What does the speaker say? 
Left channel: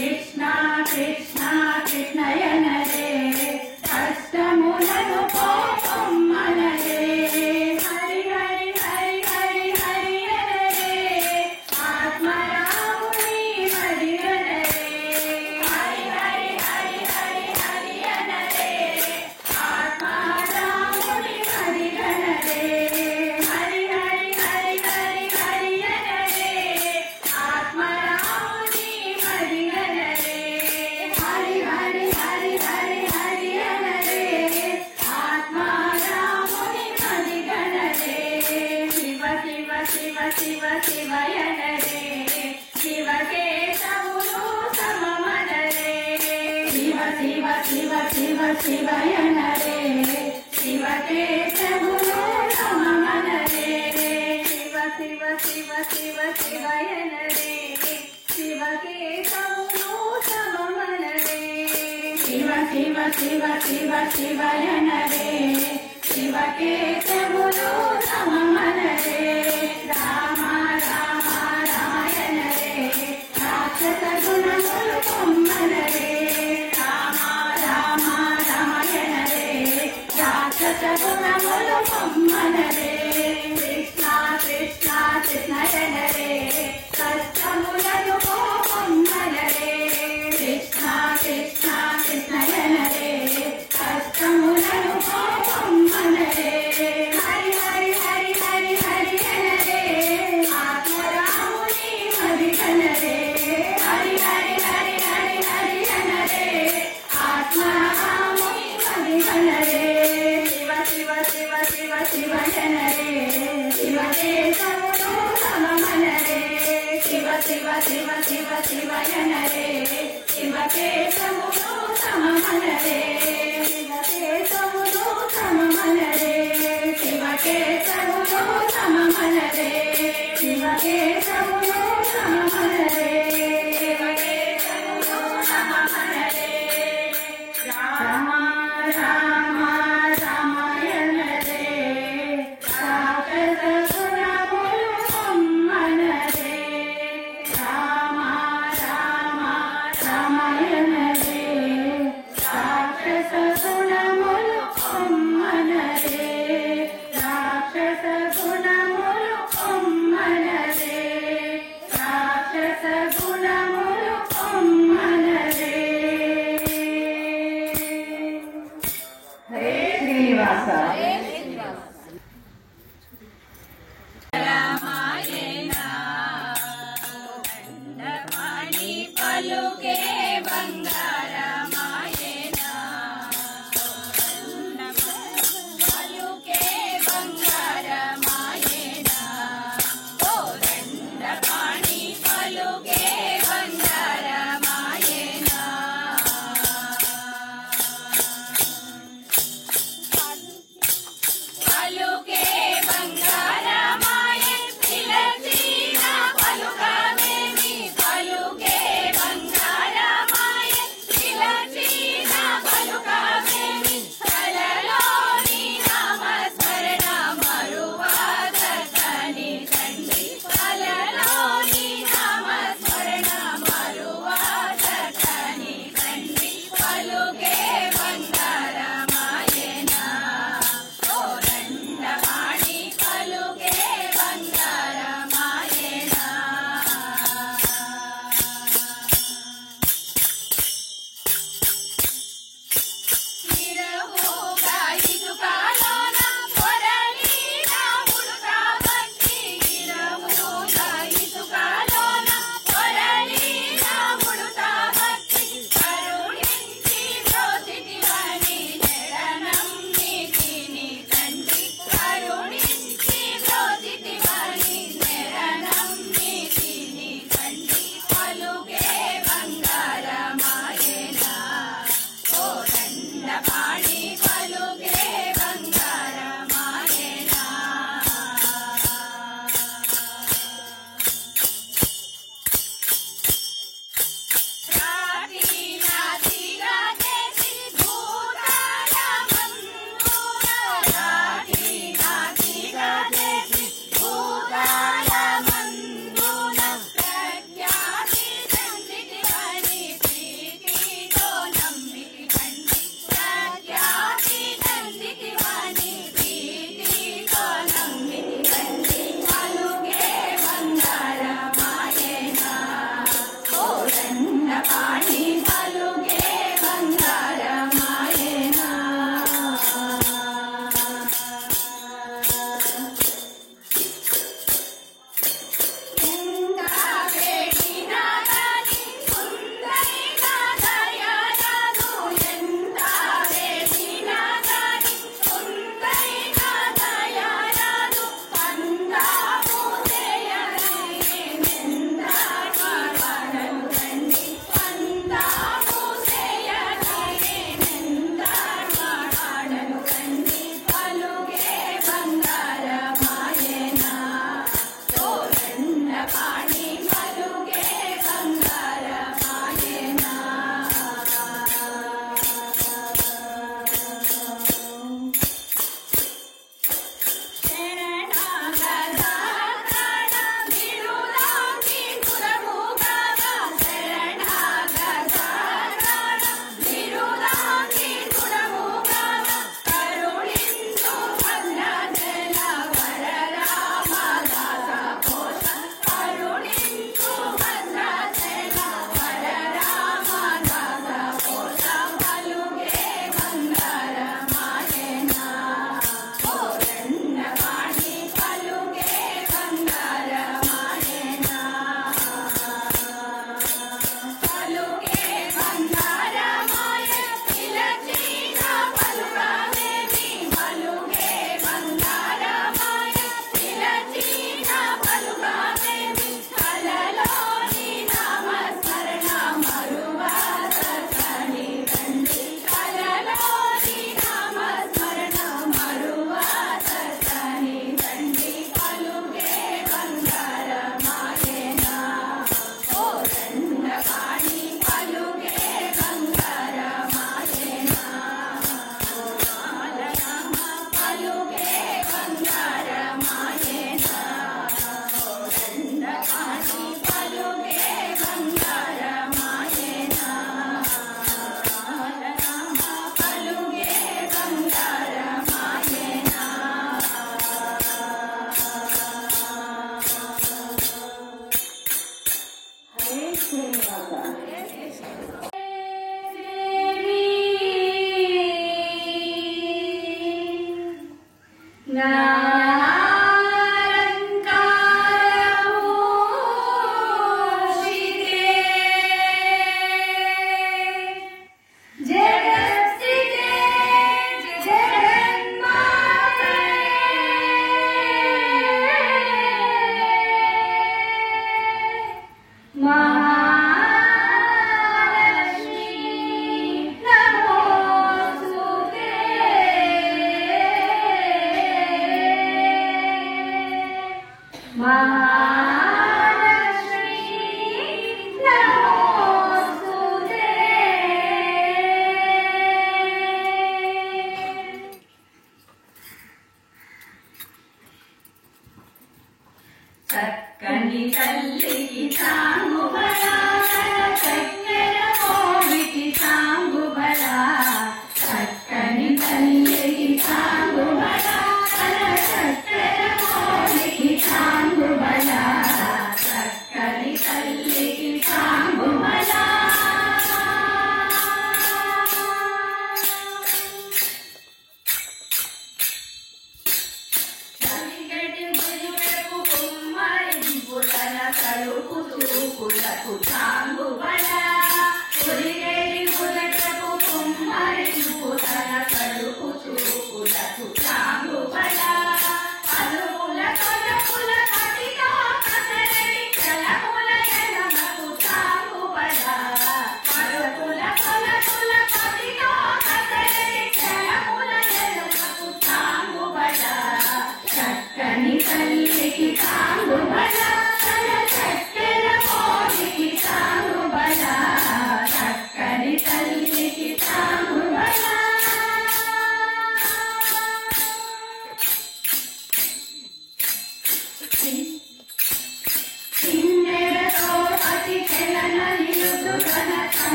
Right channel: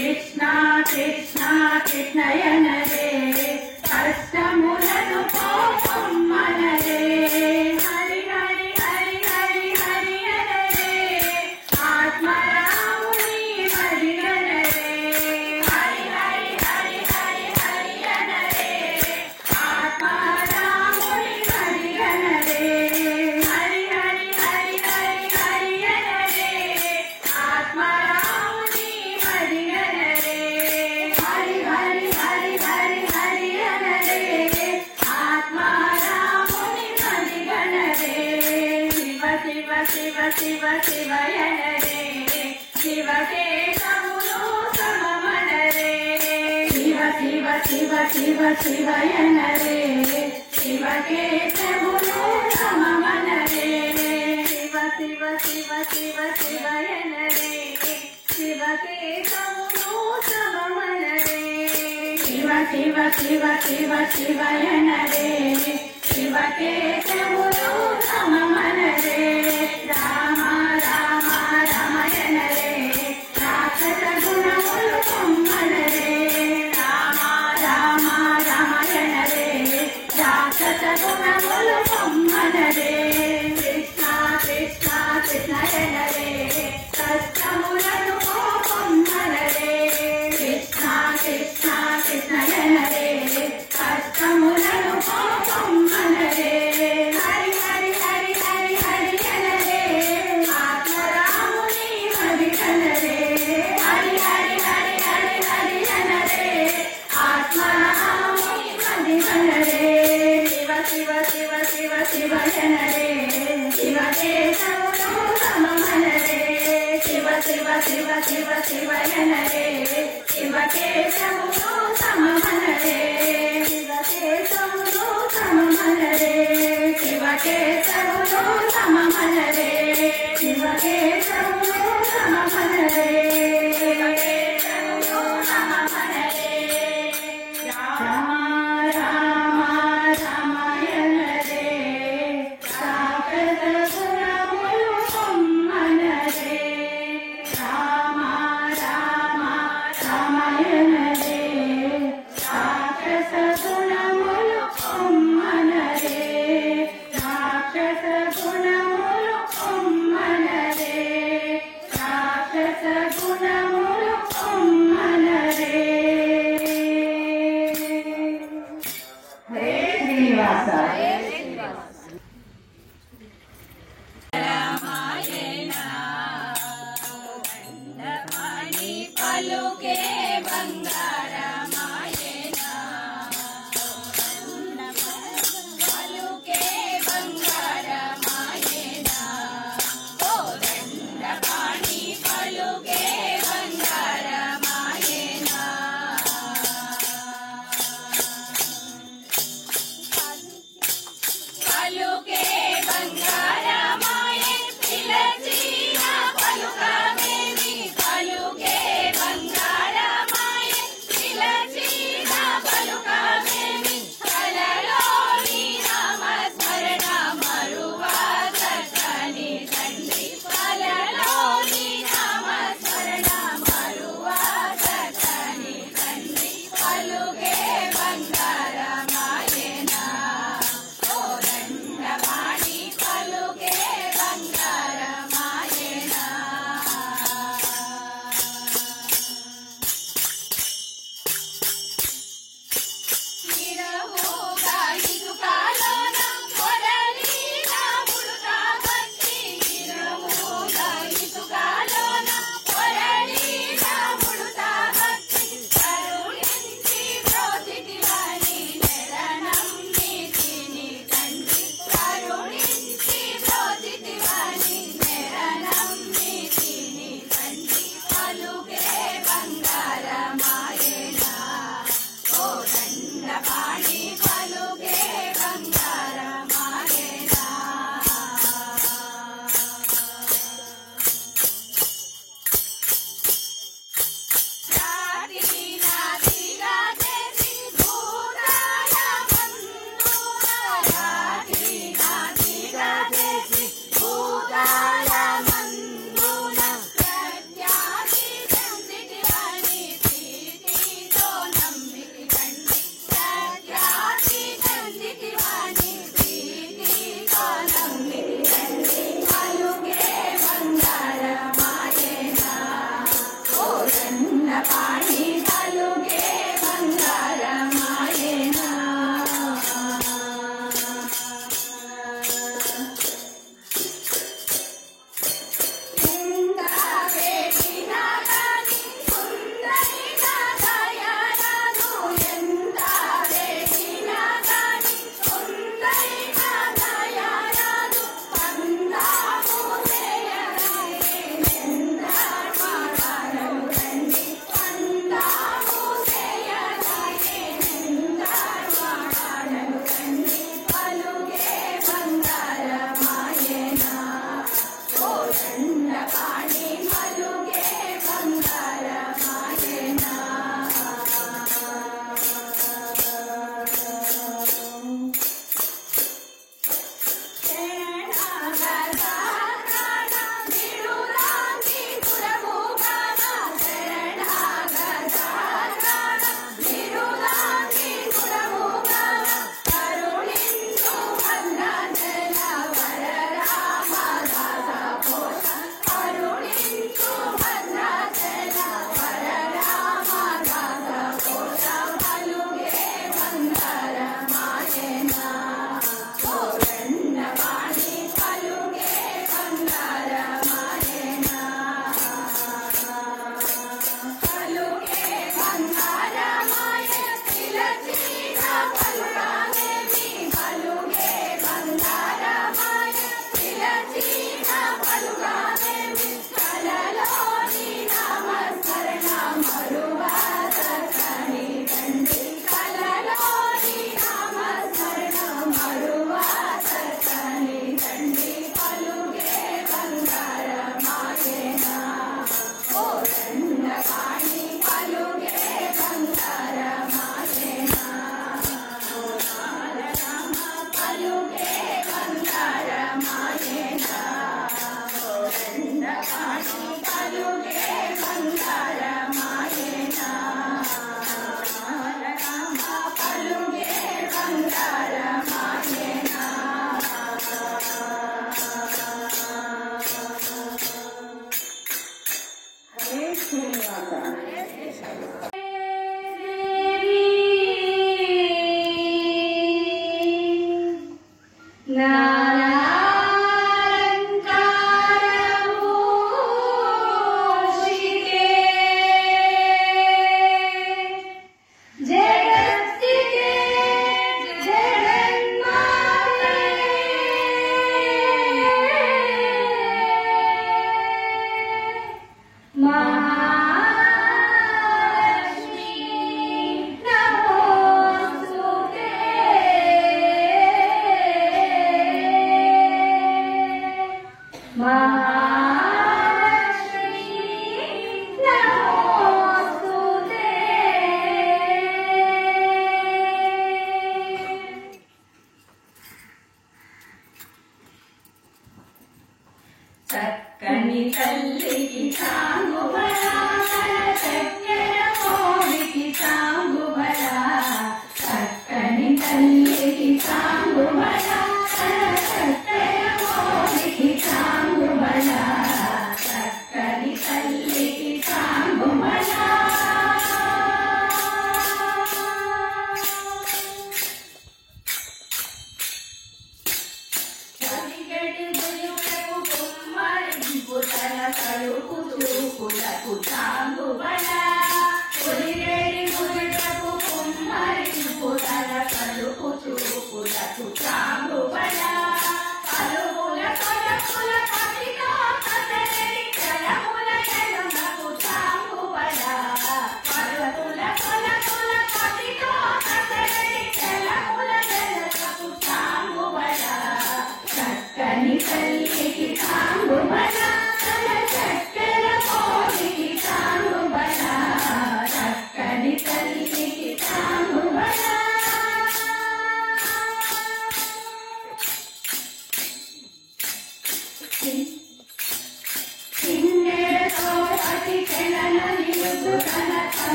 కృష్ణ కృష్ణ కృష్ణయనరే కష్టములను పోమ్మనరే హరి హరి హరి హరి హరి అనరే ఆత్మరాముని మదిగనరే హరి హరి హరి హరి హరి అనరే ఆత్మరాముని మదిగనరే హరి హరి హరి హరి హరి అనరే ఆత్మరాముని మదిగనరే హరి హరి హరి హరి హరి అనరే ఆత్మరాముని మదిగనరే శివ శివ శివ శివ శివయనరే శివకేశవులు సమమనరే శివ శివ శివ శివ శివయనరే శివకేశవులు సమమనరే శివ శివ శివ శివ శివయనరే శివకేశవులు సమమనరే శివ శివ శివ శివ శివయనరే శివకేశవులు సమమనరే రామ రామ రామయనరే రాక్షస గుణములు పొమ్మనరే రామ రామ రామయనరే రాక్షస గుణములు పొమ్మనరే కృష్ణ కృష్ణ కృష్ణయనరే కష్టములను పొమ్మనరే కృష్ణ కృష్ణ కృష్ణయనరే కష్టములను పొమ్మనరే హరి హరి హరి హరి హరి అనరే ఆత్మరాముని మదిగనరే హరి హరి హరి హరి హరి అనరే ఆత్మరాముని మదిగనరే శివ శివ శివ శివ శివయనరే శివకేశవులు సమమనరే శివ శివ శివ శివ శివయనరే శివకేశవులు సమమనరే శివకేశవులు సమమనరే శివకేశవులు సమమనరే శివకేశవులు సమమనరే శివకేశవులు సమమనరే రామ రామ రామాయణరే రాక్షస గుణములు పొమ్మనరే రామ రామ రామాయణరే రాక్షస గుణములు పొమ్మనరే రాక్షస గుణములు పొమ్మనరే రాక్షస గుణములు పొమ్మనరే హరే శ్రీనివాస రామాయణ దండపాణి పలుకే బంగారమాయణ పలుకే బంగారమాయణ ఓ దండపాణి పలుకే బంగారమాయణ పలుకే బంగారమాయ పిలచిన పలుకవేమి పలుకే బంగారమాయ శ్రీనివాస